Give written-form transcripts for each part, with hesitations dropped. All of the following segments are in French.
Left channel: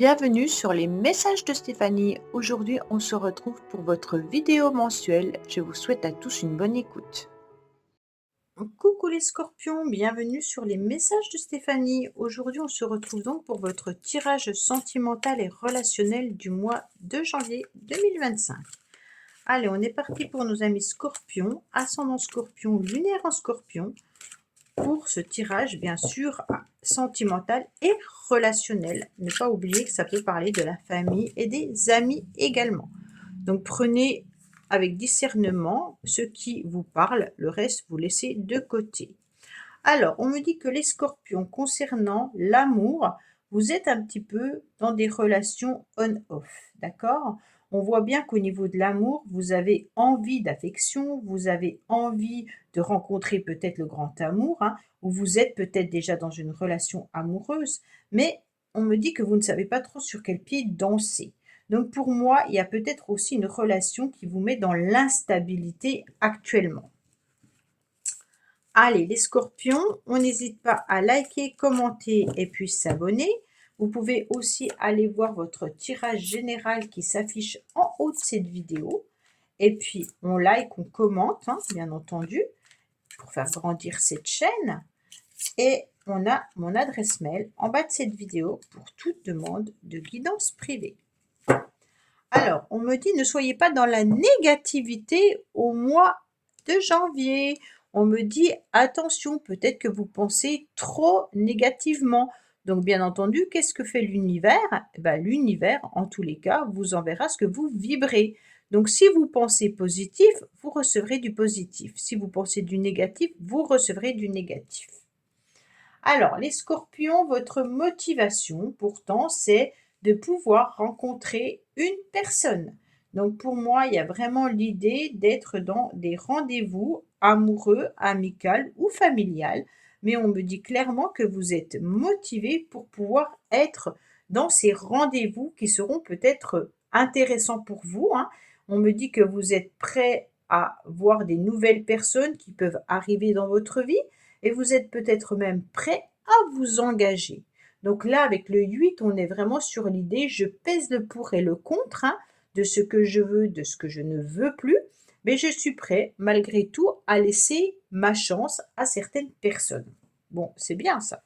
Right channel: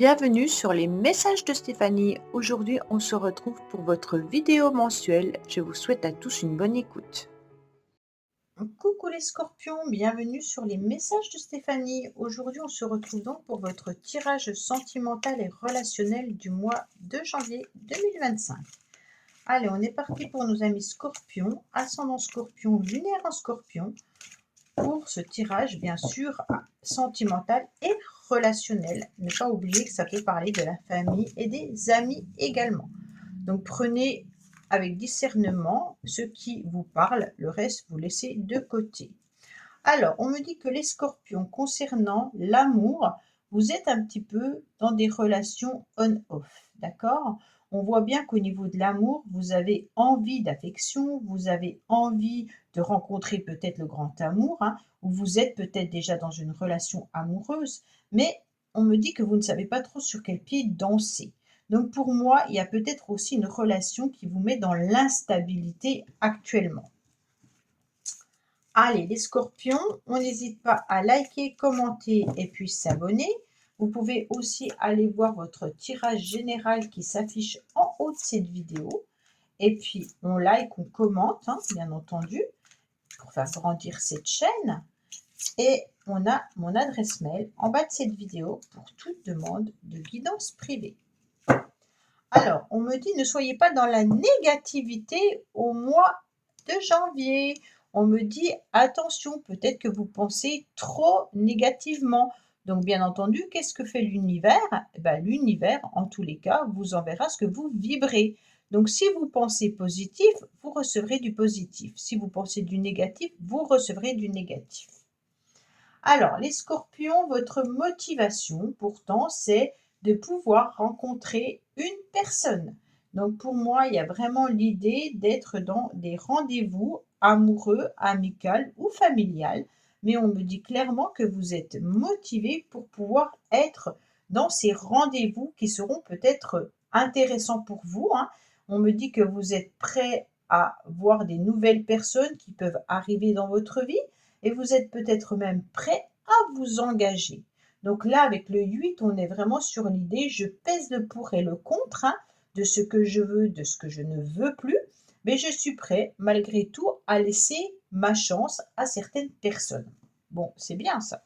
Bienvenue sur les messages de Stéphanie. Aujourd'hui, on se retrouve pour votre vidéo mensuelle. Je vous souhaite à tous une bonne écoute. Coucou les scorpions, bienvenue sur les messages de Stéphanie. Aujourd'hui, on se retrouve donc pour votre tirage sentimental et relationnel du mois de janvier 2025. Allez, on est parti pour nos amis scorpions, ascendant scorpion, lunaire en scorpion, pour ce tirage bien sûr sentimental et relationnel. Ne pas oublier que ça peut parler de la famille et des amis également. Donc prenez avec discernement ce qui vous parle, le reste vous laissez de côté. Alors, on me dit que les scorpions, concernant l'amour, vous êtes un petit peu dans des relations on-off, d'accord? On voit bien qu'au niveau de l'amour, vous avez envie d'affection, vous avez envie de rencontrer peut-être le grand amour, hein, ou vous êtes peut-être déjà dans une relation amoureuse, mais on me dit que vous ne savez pas trop sur quel pied danser. Donc pour moi, il y a peut-être aussi une relation qui vous met dans l'instabilité actuellement. Allez, les scorpions, on n'hésite pas à liker, commenter et puis s'abonner. Vous pouvez aussi aller voir votre tirage général qui s'affiche en haut de cette vidéo. Et puis, on like, on commente, hein, bien entendu, pour faire grandir cette chaîne. Et on a mon adresse mail en bas de cette vidéo pour toute demande de guidance privée. Alors, on me dit, ne soyez pas dans la négativité au mois de janvier. On me dit, attention, peut-être que vous pensez trop négativement. Donc, bien entendu, qu'est-ce que fait l'univers? Eh ben, l'univers, en tous les cas, vous enverra ce que vous vibrez. Donc, si vous pensez positif, vous recevrez du positif. Si vous pensez du négatif, vous recevrez du négatif. Alors, les scorpions, votre motivation, pourtant, c'est de pouvoir rencontrer une personne. Donc, pour moi, il y a vraiment l'idée d'être dans des rendez-vous amoureux, amicaux ou familial. Mais on me dit clairement que vous êtes motivé pour pouvoir être dans ces rendez-vous qui seront peut-être intéressants pour vous, hein. On me dit que vous êtes prêt à voir des nouvelles personnes qui peuvent arriver dans votre vie et vous êtes peut-être même prêt à vous engager. Donc là, avec le 8, on est vraiment sur l'idée, je pèse le pour et le contre, hein, de ce que je veux, de ce que je ne veux plus, mais je suis prêt, malgré tout, à laisser ma chance à certaines personnes. Bon, c'est bien ça.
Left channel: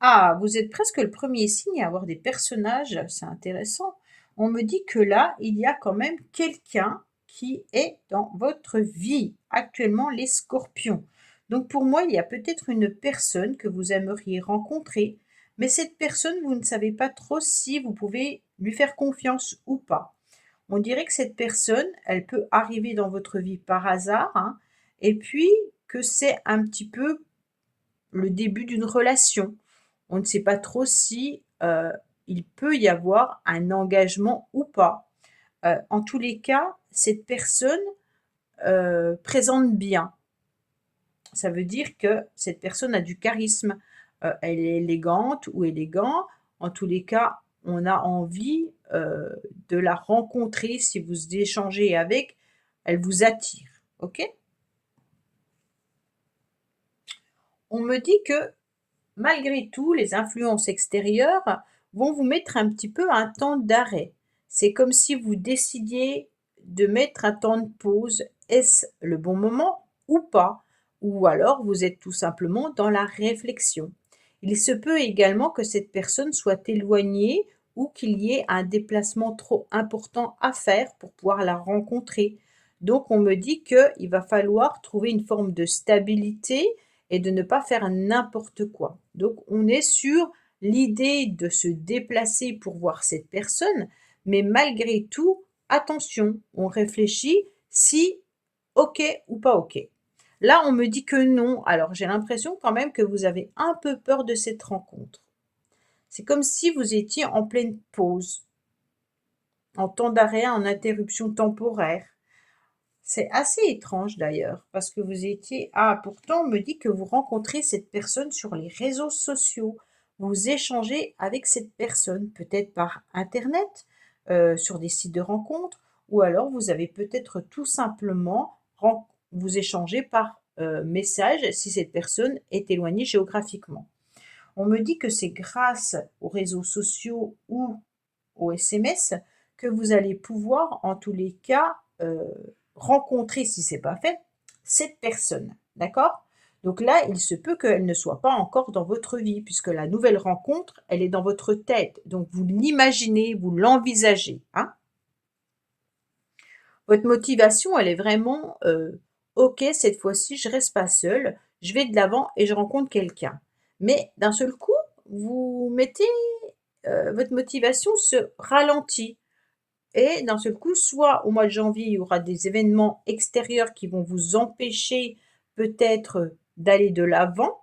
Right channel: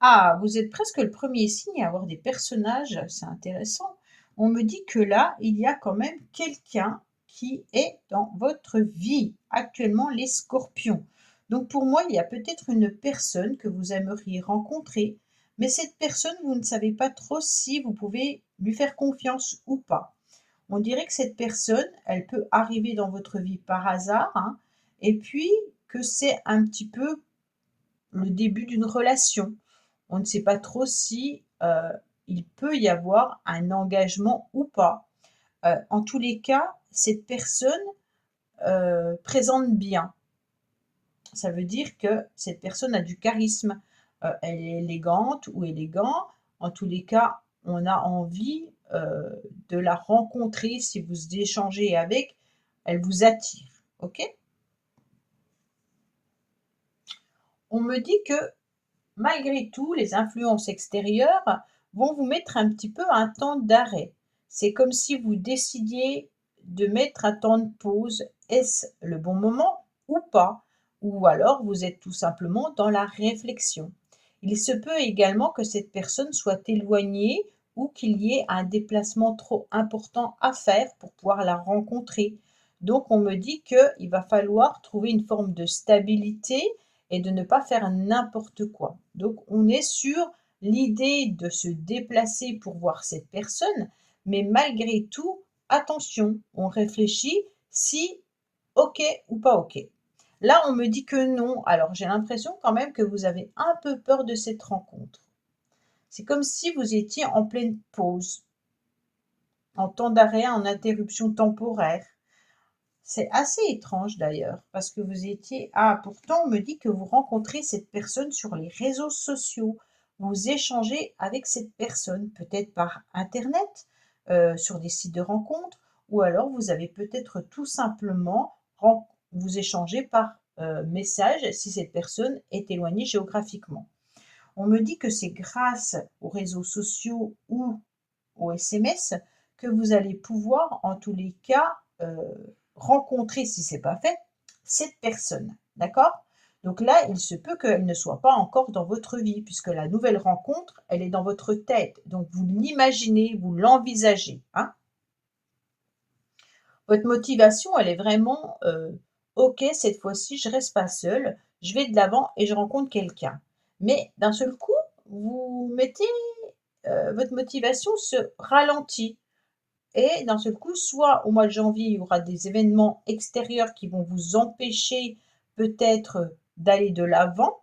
Ah, vous êtes presque le premier signe à avoir des personnages, c'est intéressant. On me dit que là, il y a quand même quelqu'un qui est dans votre vie, actuellement les scorpions. Donc pour moi, il y a peut-être une personne que vous aimeriez rencontrer, mais cette personne, vous ne savez pas trop si vous pouvez lui faire confiance ou pas. On dirait que cette personne, elle peut arriver dans votre vie par hasard, hein, et puis que c'est un petit peu le début d'une relation. On ne sait pas trop si, il peut y avoir un engagement ou pas. En tous les cas, cette personne, présente bien. Ça veut dire que cette personne a du charisme, elle est élégante ou élégant. En tous les cas, on a envie, de la rencontrer. Si vous échangez avec, elle vous attire, OK? On me dit que malgré tout, les influences extérieures vont vous mettre un petit peu un temps d'arrêt. C'est comme si vous décidiez de mettre un temps de pause. Est-ce le bon moment ou pas? Ou alors vous êtes tout simplement dans la réflexion. Il se peut également que cette personne soit éloignée ou qu'il y ait un déplacement trop important à faire pour pouvoir la rencontrer. Donc on me dit qu'il va falloir trouver une forme de stabilité et de ne pas faire n'importe quoi. Donc on est sur l'idée de se déplacer pour voir cette personne, mais malgré tout, attention, on réfléchit si OK ou pas OK. Là, on me dit que non, alors j'ai l'impression quand même que vous avez un peu peur de cette rencontre. C'est comme si vous étiez en pleine pause, en temps d'arrêt, en interruption temporaire. C'est assez étrange d'ailleurs, parce que vous étiez pourtant on me dit que vous rencontrez cette personne sur les réseaux sociaux. Vous échangez avec cette personne, peut-être par internet, sur des sites de rencontres, ou alors vous avez peut-être tout simplement vous échangez par, message si cette personne est éloignée géographiquement. On me dit que c'est grâce aux réseaux sociaux ou aux SMS que vous allez pouvoir, en tous les cas, rencontrer, si c'est pas fait, cette personne. D'accord? Donc là, il se peut qu'elle ne soit pas encore dans votre vie, puisque la nouvelle rencontre, elle est dans votre tête. Donc vous l'imaginez, vous l'envisagez, hein? Votre motivation, elle est vraiment, «OK, cette fois-ci, je reste pas seule, je vais de l'avant et je rencontre quelqu'un». Mais d'un seul coup, vous mettez, votre motivation se ralentit et d'un seul coup, soit au mois de janvier, il y aura des événements extérieurs qui vont vous empêcher peut-être d'aller de l'avant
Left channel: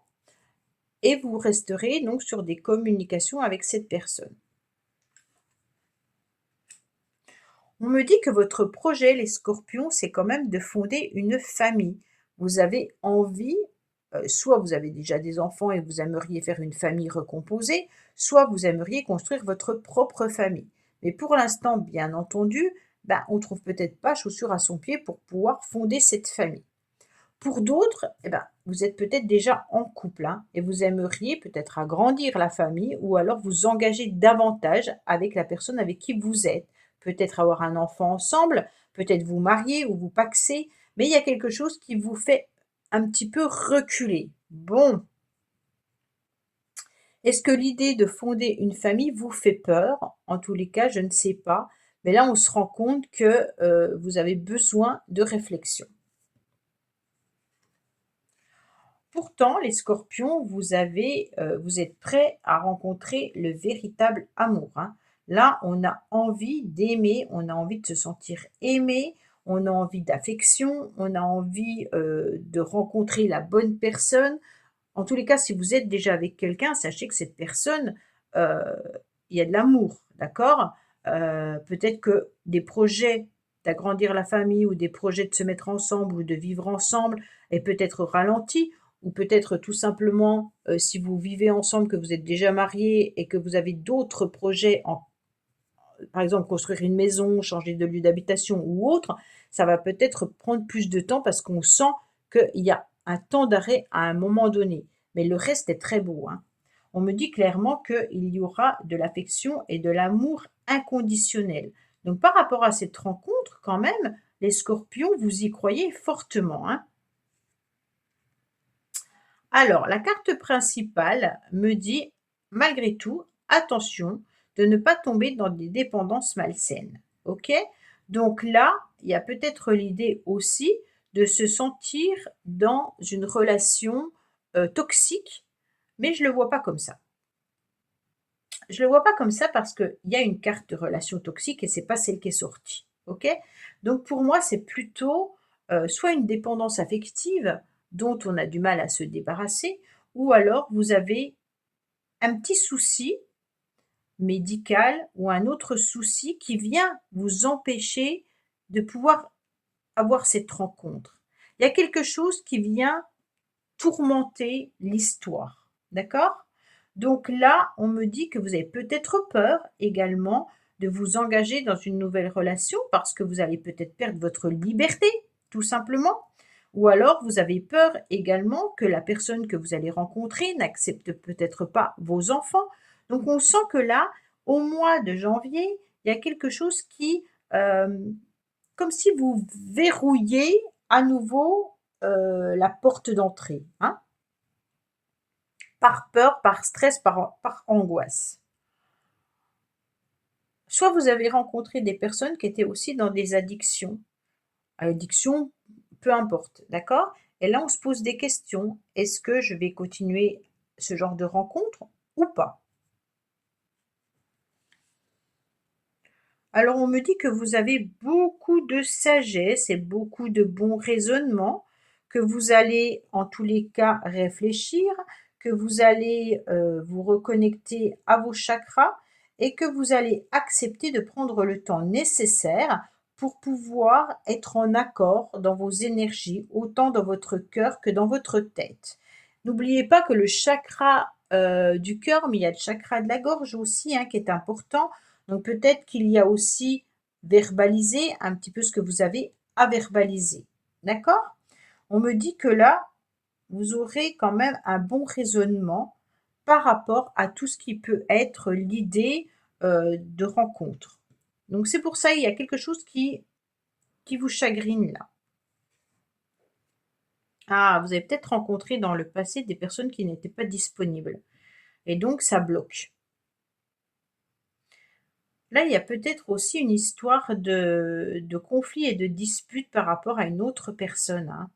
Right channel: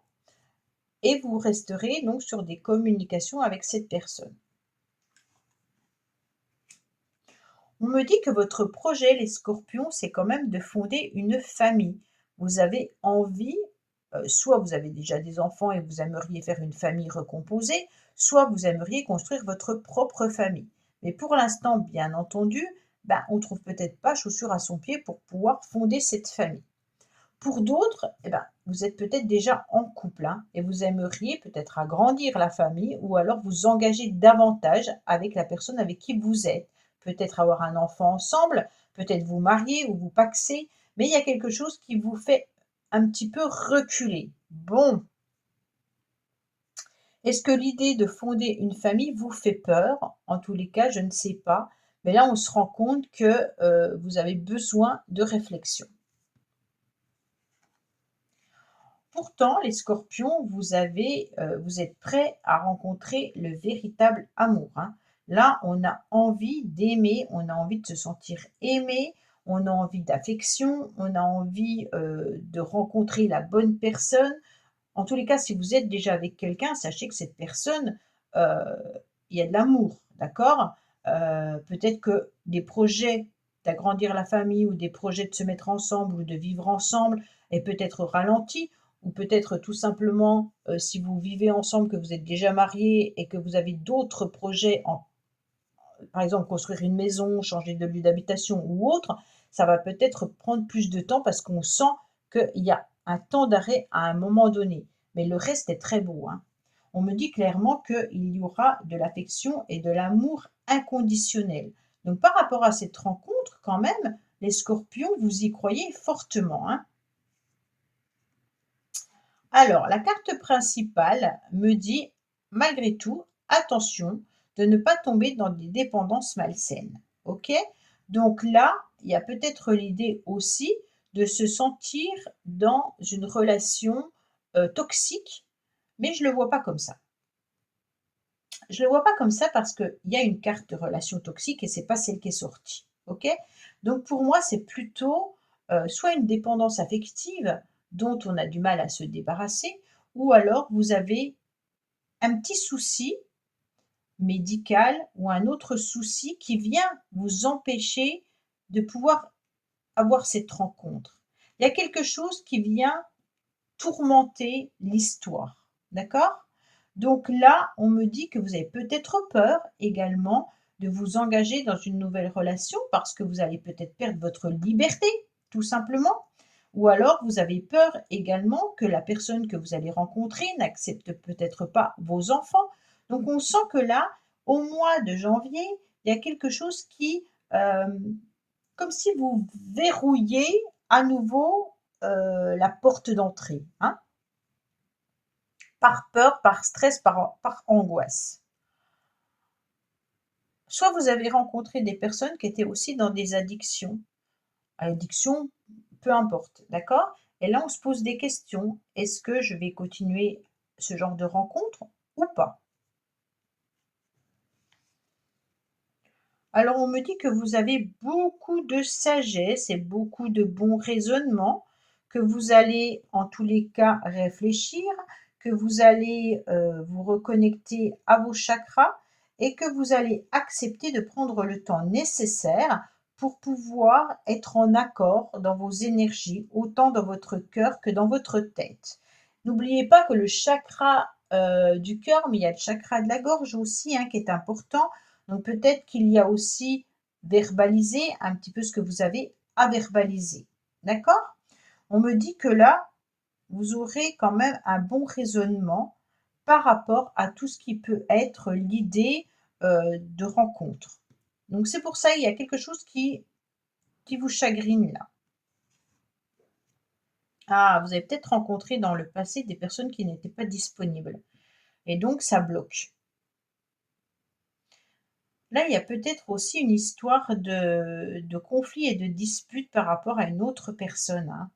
et vous resterez donc sur des communications avec cette personne. On me dit que votre projet, les scorpions, c'est quand même de fonder une famille. Vous avez envie, soit vous avez déjà des enfants et vous aimeriez faire une famille recomposée, soit vous aimeriez construire votre propre famille. Mais pour l'instant, bien entendu, ben, on ne trouve peut-être pas chaussure à son pied pour pouvoir fonder cette famille. Pour d'autres, eh ben, vous êtes peut-être déjà en couple, hein, et vous aimeriez peut-être agrandir la famille ou alors vous engager davantage avec la personne avec qui vous êtes. Peut-être avoir un enfant ensemble, peut-être vous marier ou vous paxer, mais il y a quelque chose qui vous fait un petit peu reculer. Bon, est-ce que l'idée de fonder une famille vous fait peur? En tous les cas, je ne sais pas, mais là, on se rend compte que vous avez besoin de réflexion. Pourtant, les scorpions, vous êtes prêts à rencontrer le véritable amour, hein. Là, on a envie d'aimer, on a envie de se sentir aimé, on a envie d'affection, on a envie, de rencontrer la bonne personne. En tous les cas, si vous êtes déjà avec quelqu'un, sachez que cette personne, heu, il y a de l'amour, d'accord? Peut-être que des projets d'agrandir la famille ou des projets de se mettre ensemble ou de vivre ensemble est peut-être ralenti ou peut-être tout simplement, si vous vivez ensemble, que vous êtes déjà mariés et que vous avez d'autres projets en par exemple construire une maison, changer de lieu d'habitation ou autre, ça va peut-être prendre plus de temps parce qu'on sent qu'il y a un temps d'arrêt à un moment donné. Mais le reste est très beau, hein. On me dit clairement qu'il y aura de l'affection et de l'amour inconditionnel. Donc par rapport à cette rencontre, quand même, les scorpions, vous y croyez fortement, hein. Alors, la carte principale me dit, malgré tout, attention de ne pas tomber dans des dépendances malsaines. OK? Donc là, il y a peut-être l'idée aussi de se sentir dans une relation toxique, mais je ne le vois pas comme ça. Je ne le vois pas comme ça parce qu'il y a une carte de relation toxique et c'est pas celle qui est sortie. OK? Donc pour moi, c'est plutôt soit une dépendance affective dont on a du mal à se débarrasser, ou alors vous avez un petit souci médical ou un autre souci qui vient vous empêcher de pouvoir avoir cette rencontre. Il y a quelque chose qui vient tourmenter l'histoire. D'accord? Donc là, on me dit que vous avez peut-être peur également de vous engager dans une nouvelle relation parce que vous allez peut-être perdre votre liberté, tout simplement. Ou alors vous avez peur également que la personne que vous allez rencontrer n'accepte peut-être pas vos enfants. Donc on sent que là, au mois de janvier, il y a quelque chose qui, comme si vous verrouillez à nouveau la porte d'entrée, hein, par peur, par stress, par angoisse. Soit vous avez rencontré des personnes qui étaient aussi dans des addictions, addiction, peu importe, d'accord? Et là, on se pose des questions. Est-ce que je vais continuer ce genre de rencontre ou pas? Alors, on me dit que vous avez beaucoup de sagesse et beaucoup de bons raisonnements, que vous allez en tous les cas réfléchir, que vous allez vous reconnecter à vos chakras et que vous allez accepter de prendre le temps nécessaire pour pouvoir être en accord dans vos énergies, autant dans votre cœur que dans votre tête. N'oubliez pas que le chakra du cœur, mais il y a le chakra de la gorge aussi, hein, qui est important. Donc peut-être qu'il y a aussi verbaliser un petit peu ce que vous avez à verbaliser. D'accord? On me dit que là, vous aurez quand même un bon raisonnement par rapport à tout ce qui peut être l'idée, de rencontre. Donc c'est pour ça, il y a quelque chose qui vous chagrine là. Ah, vous avez peut-être rencontré dans le passé des personnes qui n'étaient pas disponibles et donc ça bloque. Là, il y a peut-être aussi une histoire de conflit et de dispute par rapport à une autre personne, hein.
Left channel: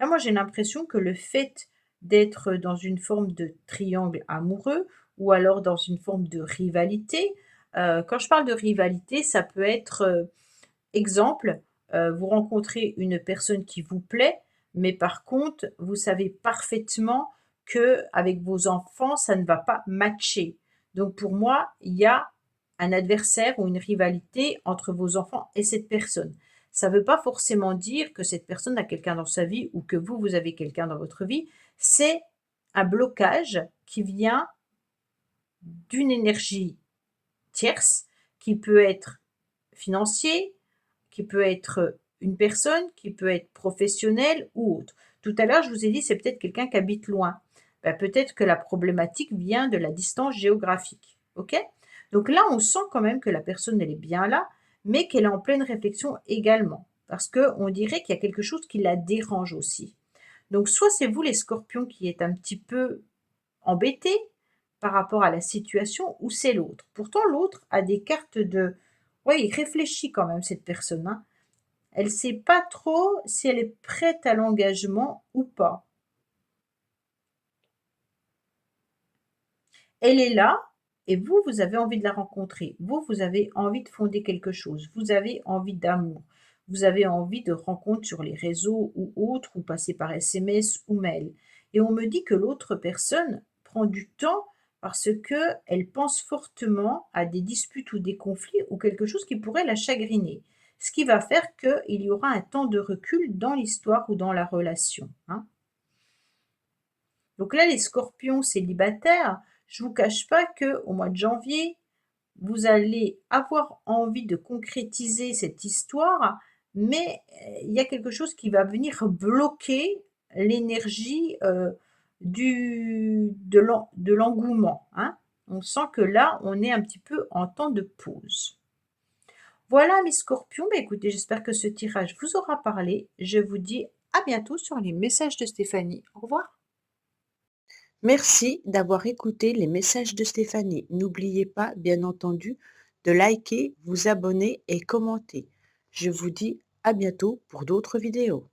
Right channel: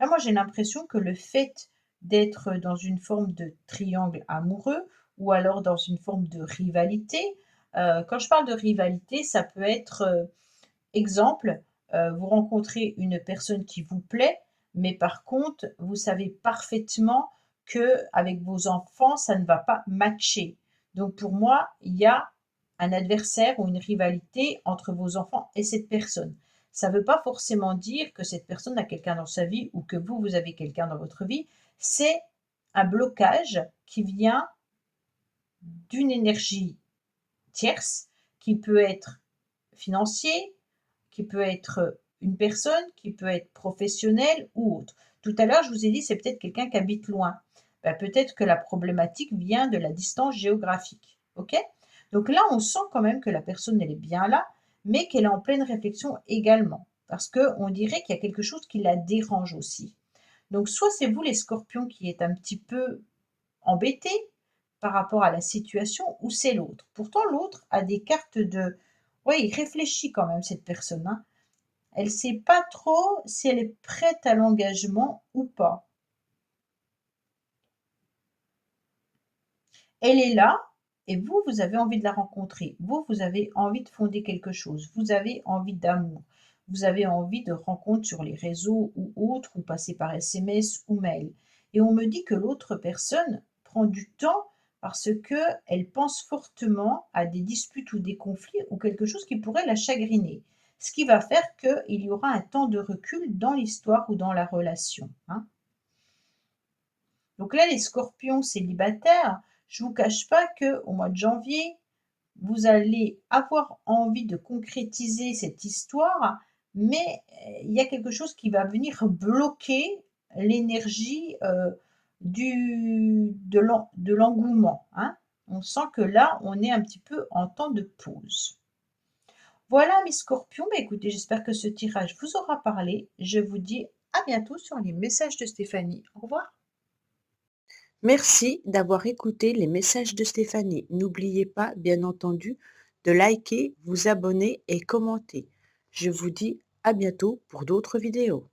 Là, moi, j'ai l'impression que le fait d'être dans une forme de triangle amoureux ou alors dans une forme de rivalité, quand je parle de rivalité, ça peut être, exemple, vous rencontrez une personne qui vous plaît, mais par contre, vous savez parfaitement que avec vos enfants, ça ne va pas matcher. Donc pour moi, il y a un adversaire ou une rivalité entre vos enfants et cette personne. Ça ne veut pas forcément dire que cette personne a quelqu'un dans sa vie ou que vous avez quelqu'un dans votre vie. C'est un blocage qui vient d'une énergie tierce qui peut être financier, qui peut être une personne, qui peut être professionnelle ou autre. Tout à l'heure, je vous ai dit, c'est peut-être quelqu'un qui habite loin. Bah, peut-être que la problématique vient de la distance géographique. OK? Donc là, on sent quand même que la personne, elle est bien là, mais qu'elle est en pleine réflexion également. Parce qu'on dirait qu'il y a quelque chose qui la dérange aussi. Donc soit c'est vous les scorpions qui êtes un petit peu embêtés par rapport à la situation, ou c'est l'autre. Pourtant, l'autre a des cartes de... Oui, il réfléchit quand même, cette personne, hein. Elle ne sait pas trop si elle est prête à l'engagement ou pas. Elle est là et vous, vous avez envie de la rencontrer. Vous, vous avez envie de fonder quelque chose. Vous avez envie d'amour. Vous avez envie de rencontres sur les réseaux ou autres, ou passer par SMS ou mail. Et on me dit que l'autre personne prend du temps parce qu'elle pense fortement à des disputes ou des conflits ou quelque chose qui pourrait la chagriner. Ce qui va faire qu'il y aura un temps de recul dans l'histoire ou dans la relation, hein. Donc là, les scorpions célibataires, je ne vous cache pas qu'au mois de janvier, vous allez avoir envie de concrétiser cette histoire, mais il y a quelque chose qui va venir bloquer l'énergie, de l'engouement, hein. On sent que là, on est un petit peu en temps de pause. Voilà mes scorpions, bah, écoutez, j'espère que ce tirage vous aura parlé. Je vous dis à bientôt sur les messages de Stéphanie. Au revoir. Merci d'avoir écouté les messages de Stéphanie. N'oubliez pas, bien entendu, de liker, vous abonner et commenter. Je vous dis à bientôt pour d'autres vidéos.